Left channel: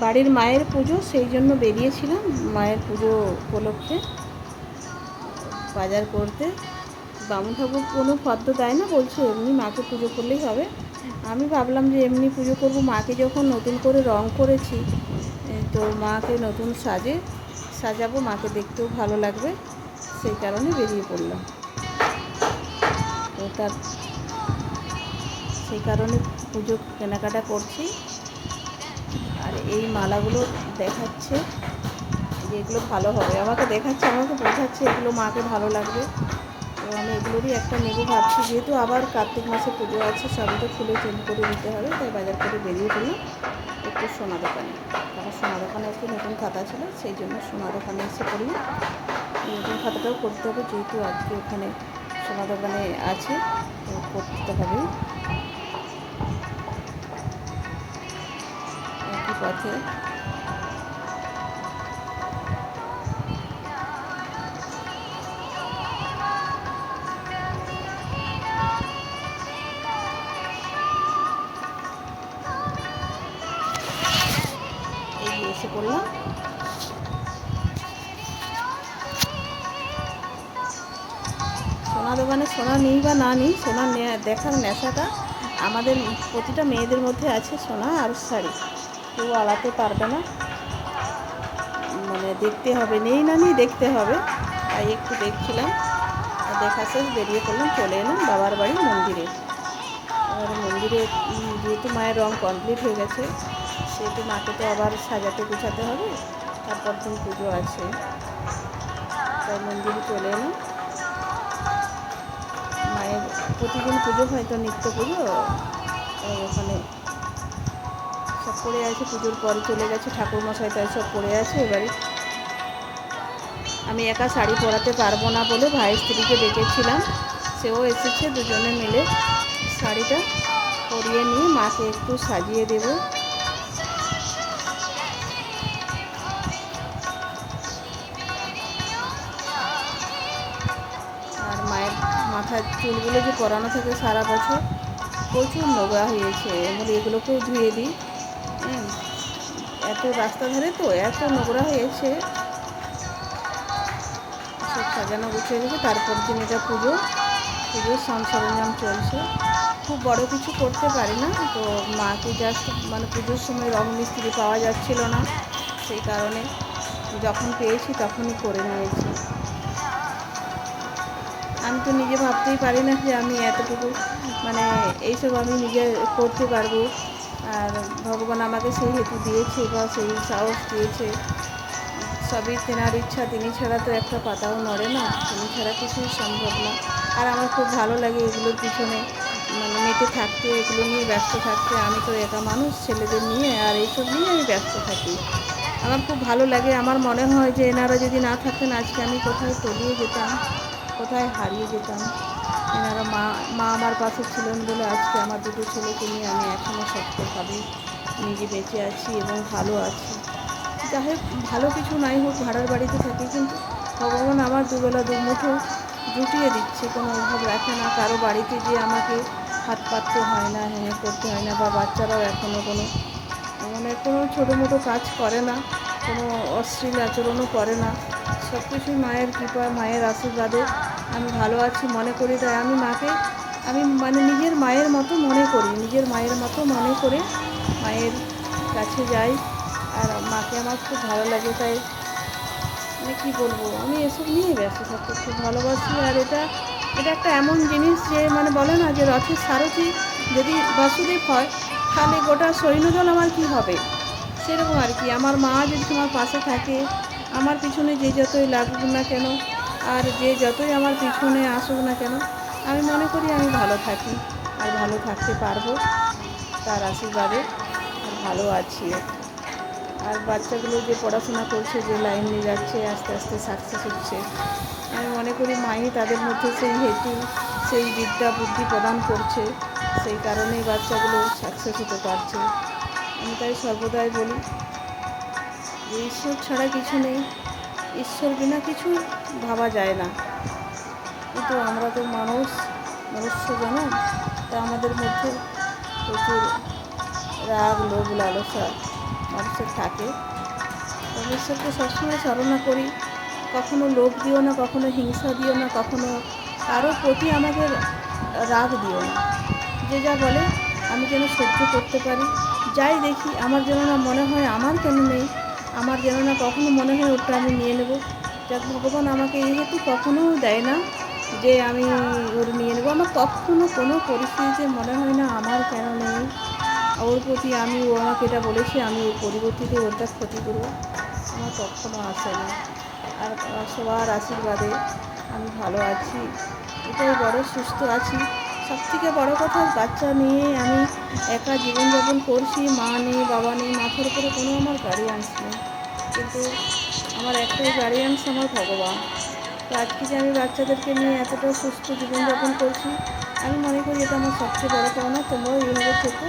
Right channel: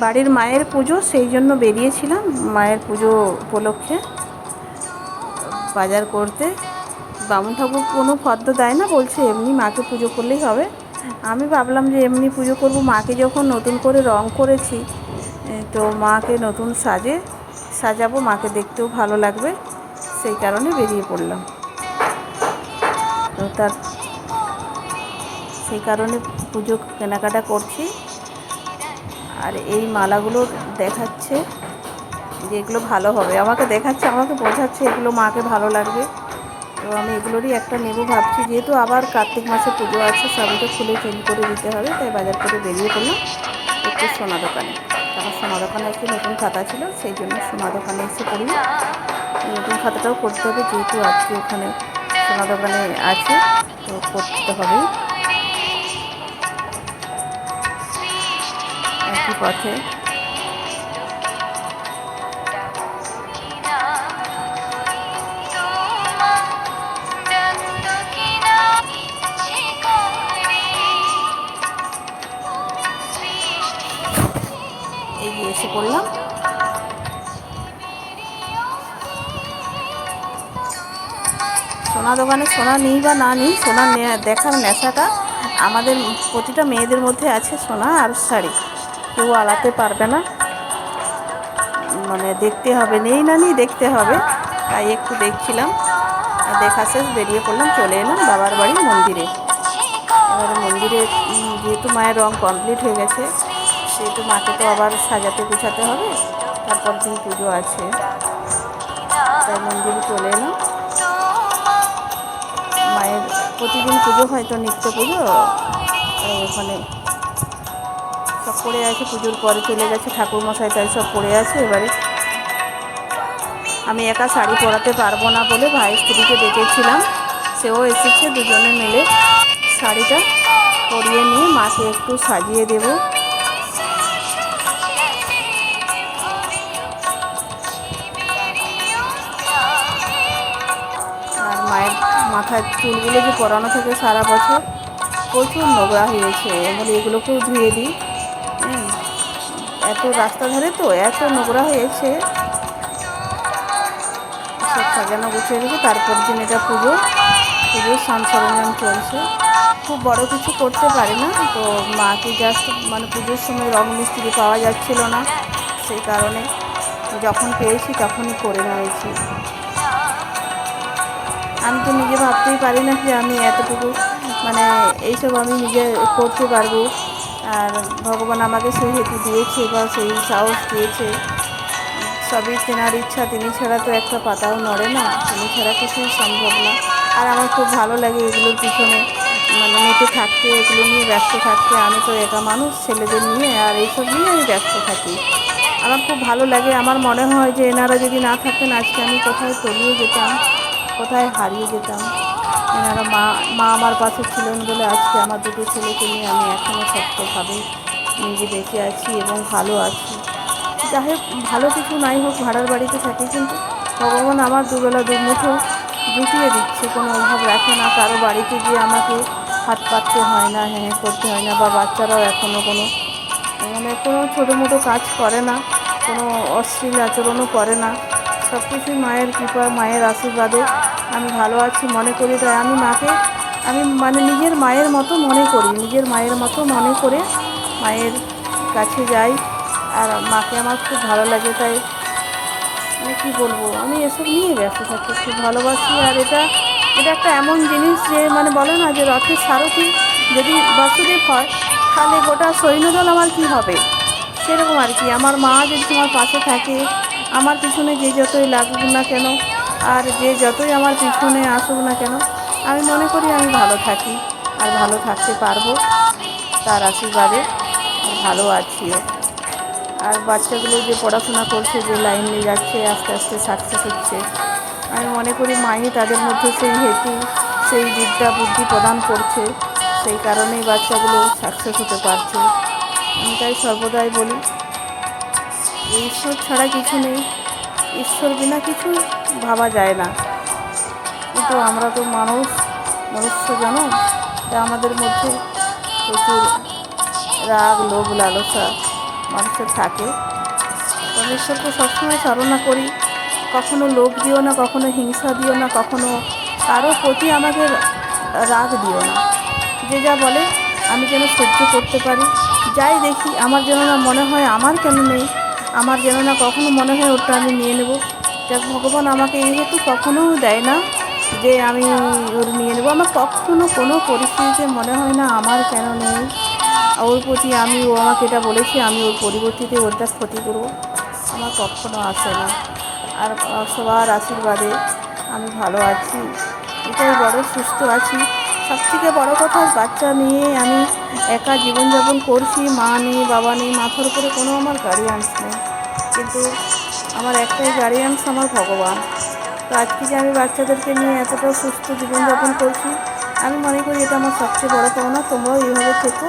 বাড়ির মায়ের পুজো, সেই জন্য বেরিয়েছিলাম মায়ের পুজো উপলক্ষে বাজার করতে। বামুন ঠাকুর কোনো ফর্দ দেয় না, বলছে এমনি মাকে পুজো করলেই হবে। আমি ভাবলাম যে এমনি পুজো করব, মাকে যখন নতুন করে রং করেছি তো মাকে নতুন সাজাবো, মাকে দেখতেও ভালো লাগবে, সেই কারণে বেরিয়ে পড়লাম। তো সেই কারণে পুজো কেনাকাটা করছি। আর এই মালাগুলো দেখাচ্ছে যে এগুলো ভালো হবে, আমাকে দেখাচ্ছে, আমাকে বোঝাচ্ছে এগুলো মাকে ভালো লাগবে। তো আমি এগুলোরই একটা নেব ভাবছি, যেহেতু আবার কার্তিক মাসে পুজো আছে, সবই তো খুলে চেঞ্জ করে দিতে হবে, তাই বাজার করে বেরিয়ে পড়লাম একটু সোনা দোকানে। আমার সোনা দোকানে একটু নতুন খাতা ছিল, সেই জন্য সোনা দোকানে এসে পড়ি। নতুন খাতাটাও করতে হবে, যেহেতু আজকে ওখানে সোনা দোকানে আছে, তো করতে হবেই। একই পথে এগিয়ে এসে পড়লাম। সোনা দোকানে সোনা নিই বা না নিই, সোনা দেখার নেশাটা আমাদের প্রতিটা মেয়েদের মধ্যে আছে। সোনা আর শাড়ি কেউ আলাতে পারবে না, মানে দেখতে হবে, নেই না নিই দেখতে হবে। তাই একটু দেখছিলাম, দেখা শেষ বেরিয়ে পড়লাম, চলে এলাম বাবার বাড়ি মন্দিরে। এবারে মন্দিরে যেহেতু মায়ের রং কমপ্লিট হয়ে গেছে, সেহেতু মাকে তো আবার সাজাতে গুছাতে হবে, তারপর দিন পুজো আছে, তাই মন্দিরে চলে এলাম। মায়ের প্রতিদিন পুজো হয় তো, নিত্য পুজো, ওখানে সব পড়ে আছে। পুজোর পরে চলে গেছে ঠাকুরমশাই, তাই সব পড়ে আছে। এবারে আমি একা শাড়ি পরাতে পারবো না বলে ভাই স্ত্রীকে ডেকেছিলাম, সেও এসেছে, দুজনে মিলে শাড়িটা পরিয়ে নিয়ে মাকে একটু সাজিয়ে দেব। আর মায়ের মাথার চুলগুলো যে পরানো থাকে সারা বছর, প্রচুর নোংরা হয়েছে, বলে এগুলোকেও ধুয়ে দিই। এত রাস্তা ধারে তো এত নোংরা হয়েছে, সব সাজানো গুছিয়ে রেখে তারপর দিন এটা পুজোর সরঞ্জাম চলছে। খুব বড় কিছু করতে পারি না, তো মাকে জাস্ট মানে পুজোর সময় রং মিস্ত্রি পাওয়া যাচ্ছিল না, সেই কারণে যখন পেয়েছি তখনই করে নিয়েছি। আমি তো নিজে ভাবতেই পারি না যে আমি এতটুকু মানে এইসব আমি নিজে করতে পারবো, আর ভগবান আমাকে সেই হেতু দিয়েছে বা সেই সাহস দিয়েছে। সবই তেনার ইচ্ছা, তিনি ছাড়া তো একটা পাতাও নড়ে না, তিনি ছাড়া কিছুই সম্ভব না। আর আমার খুব ভালো লাগে এগুলোর পিছনে মানে মেতে থাকতে, এগুলো নিয়ে ব্যস্ত থাকতে। আমি তো একা মানুষ, ছেলেদের নিয়ে আর এইসব নিয়ে আমি ব্যস্ত থাকি। আমার খুব ভালো লাগে, আমার মনে হয় যে এনারা যদি না থাকতেন আজকে আমি কোথায় তলিয়ে যেতাম, কোথায় হারিয়ে যেতাম। এনারা মা মা আমার পাশে ছিলেন বলে আজকে আমার দুটো ছেলেকে নিয়ে আমি এখনও শক্তভাবে নিজে বেঁচে আছি এবং ভালো আছি। যাই হোক, ভালো কিছু নাই হোক, ভাড়ার বাড়িতে থাকি, কিন্তু ভগবান আমার দুবেলা দুমুঠো জুটিয়ে দিচ্ছে, কোনো অভাব রাখে না। কারো বাড়িতে গিয়ে আমাকে হাত পাততে হয় না, হ্যাঁ করতে হয় না, বা বাচ্চারাও এখনও কোনো ছোটো মোটো কাজ করে না, কোনো অশ্লীল আচরণও করে না। সব কিছুই মায়ের কৃপা, মায়ের আশীর্বাদে আমি ভালো আছি মনে করি। তাই আমি মাকে মানে নিজের মায়ের মতো মনে করি, নিজের মায়ের মতো মনে করে মায়ের কাছে যাই। আর মাকে আমার খুব ভালো লাগে, তাই মানে কী বলবো, আমি এসব নিয়ে ব্যস্ত থাকতে খুব ভালোবাসি। আর এটা একটা এমন জিনিস যে মানে বলে না যে রথের সারথি যদি বাসুদেব হয়, তাহলে গোটা সৈন্যদল আমার কি হবে, সেরকম আর কি। আমার মা যদি তোমার পাশে থাকে, আমার পিছনে যে যতই লাগুক না কেন, আর যে যতই আমার পিছনে আসুক না কেন, আমি মনে করি আমি ভালো থাকি আর ভালো থাকতে পারবো তার আশীর্বাদে, আর ভালো আছিও। আর বাচ্চাগুলো যে পড়াশোনা করছে, যে লাইন নিয়ে যাচ্ছে, আস্তে আস্তে সাকসেস হচ্ছে, আমি মনে করি মাই তাদের মধ্যে সেই হেতু, সেই বিদ্যা বুদ্ধি প্রদান করছে, সেই কারণেই বাচ্চাগুলো সাকসেস হতে পারছে। আমি তাই সর্বদাই বলি যে ঈশ্বর ছাড়া কিছু নেই, ঈশ্বর বিনা কিছু ভাবা যায় না। কিন্তু আমরা তো মনুষ্য জনম, তা আমাদের মধ্যে প্রচুর রাগ, লোভ, লালসা মানুষের থাকে। তবে ঈশ্বরকে সবসময় সাধনা করি, কখনো লোভ দিও না, কখনো হিংসা দিও না, কখনো কারো প্রতি আমাকে রাগ দিও না। যে যা বলে আমি যেন সহ্য করতে পারি, যাই দেখি আমার যেন না মনে হয় আমার কেন নেই, আমার যেন না কখনো মনে হয় ওটা আমি নিয়ে নেব। যাক ভগবান আমাকে এই হেতু কখনো দেয় না যে আমি ওর নিয়ে নেব। আমার কখনো কোনো পরিস্থিতিতে মনে হয় না আমার কেন নেই, ওর প্রতি ও আমাকে এটা বলেছে আমি ওর পরিবর্তিতে ওরটা ক্ষতি করব, আমার কখনো আসে না। আর সবার আশীর্বাদে আমি ভালো আছি, এটাই বড় সুস্থ আছি। সবথেকে বড় কথা, বাচ্চা নিয়ে আমি একা জীবনযাপন করছি, মা নেই, বাবা নেই, মাথার উপরে কোনো আমার গার্ডিয়ানস নেই, কিন্তু আমার একটাই গার্ডিয়ানস আমার ভগবান। তো আজকে যে আমি বাচ্চাদেরকে নিয়ে এতটা সুস্থ জীবনযাপন করছি, আমি মনে করি এটা আমার সবচেয়ে বড় পাওনা। তোমরাও এইভাবে থেকো।